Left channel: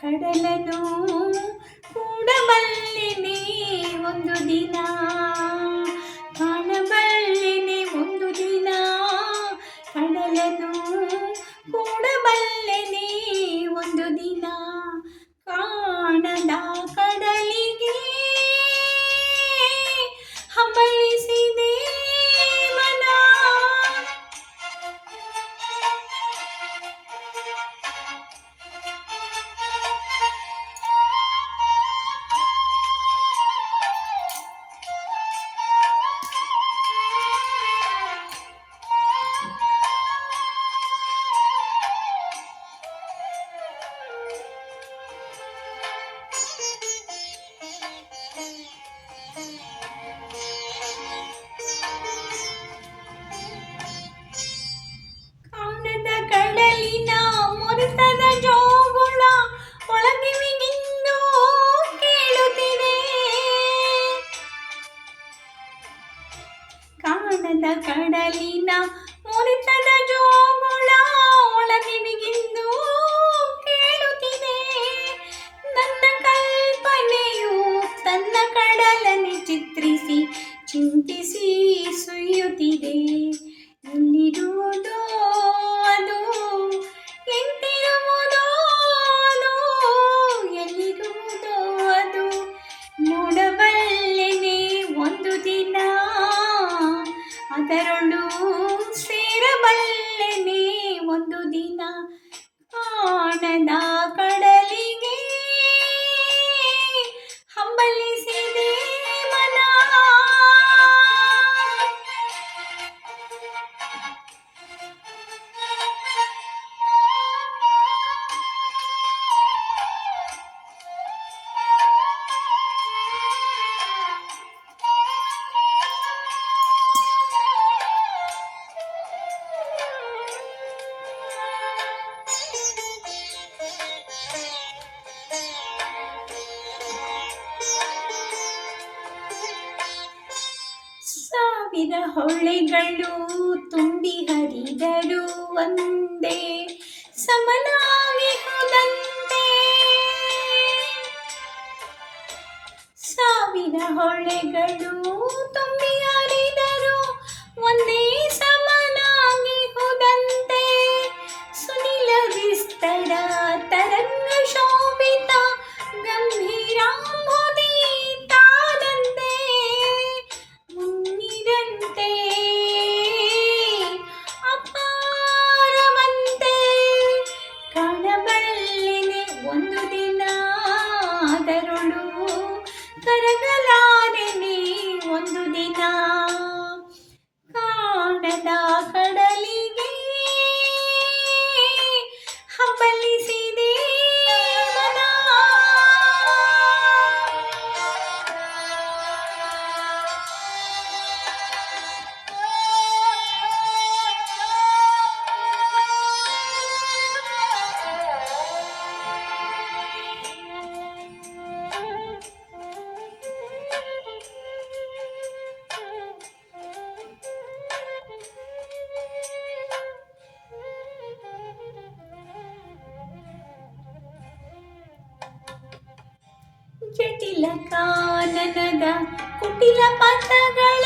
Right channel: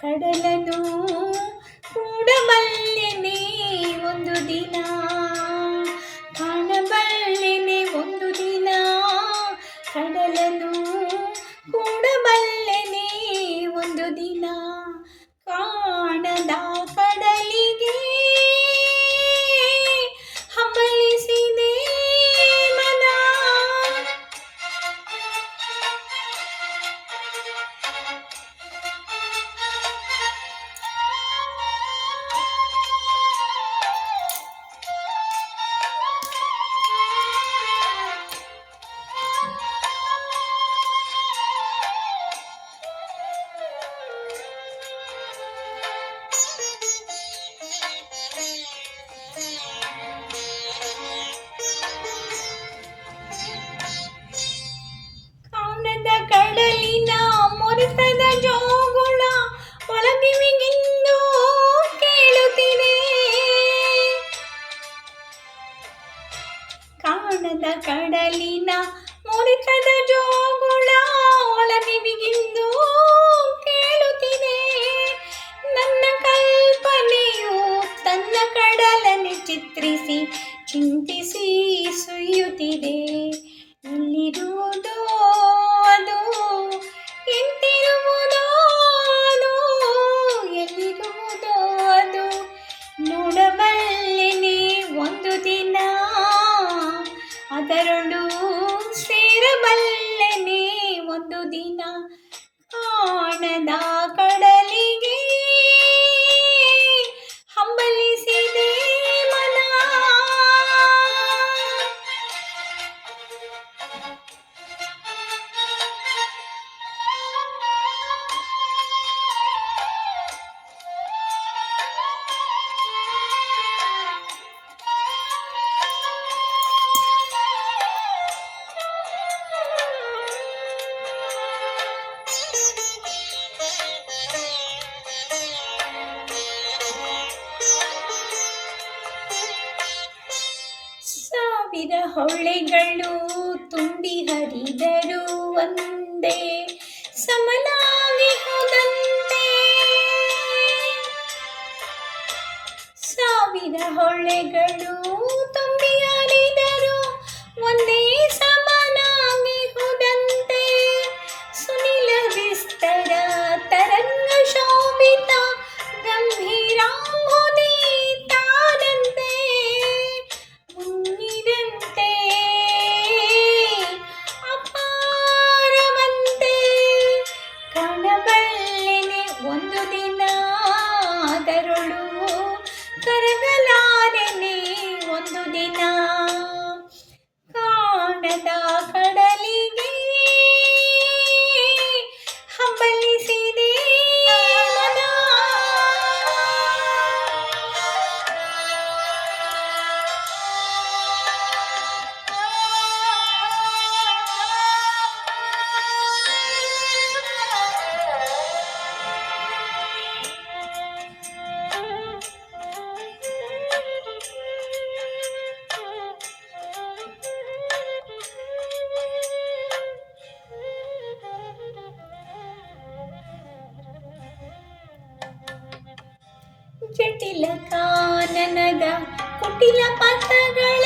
ಕಡಲನು ಕೂಡಬಲ್ಲೆನೆ ಒಂದು ದಿನ. ಕಾಣಬಲ್ಲಿನಿ ಒಂದು ದಿನ. ಕಡಲನು ಕೂಡಬಲ್ಲೆನೆ ಒಂದು ದಿನ. ಕಾಣದ ಕಾಂತರೊಳು ಸೇರಬಲ್ಲನೆ ಒಂದು ದಿನ ಹೊಳೆಗಳು ತುಂಬಿ ಹರಿದರು ಒಂದೇ ಸಮನಾಗಿಹುದಂತೆ ಸಾವಿರ ಹೊಳೆಗಳು ತುಂಬಿ ಹರಿ ಕಾದರೊಳು ಕರಗ ಜಟಿಲ ಕಾನನದ ಕುಟಿಲ ಪಥಗಳ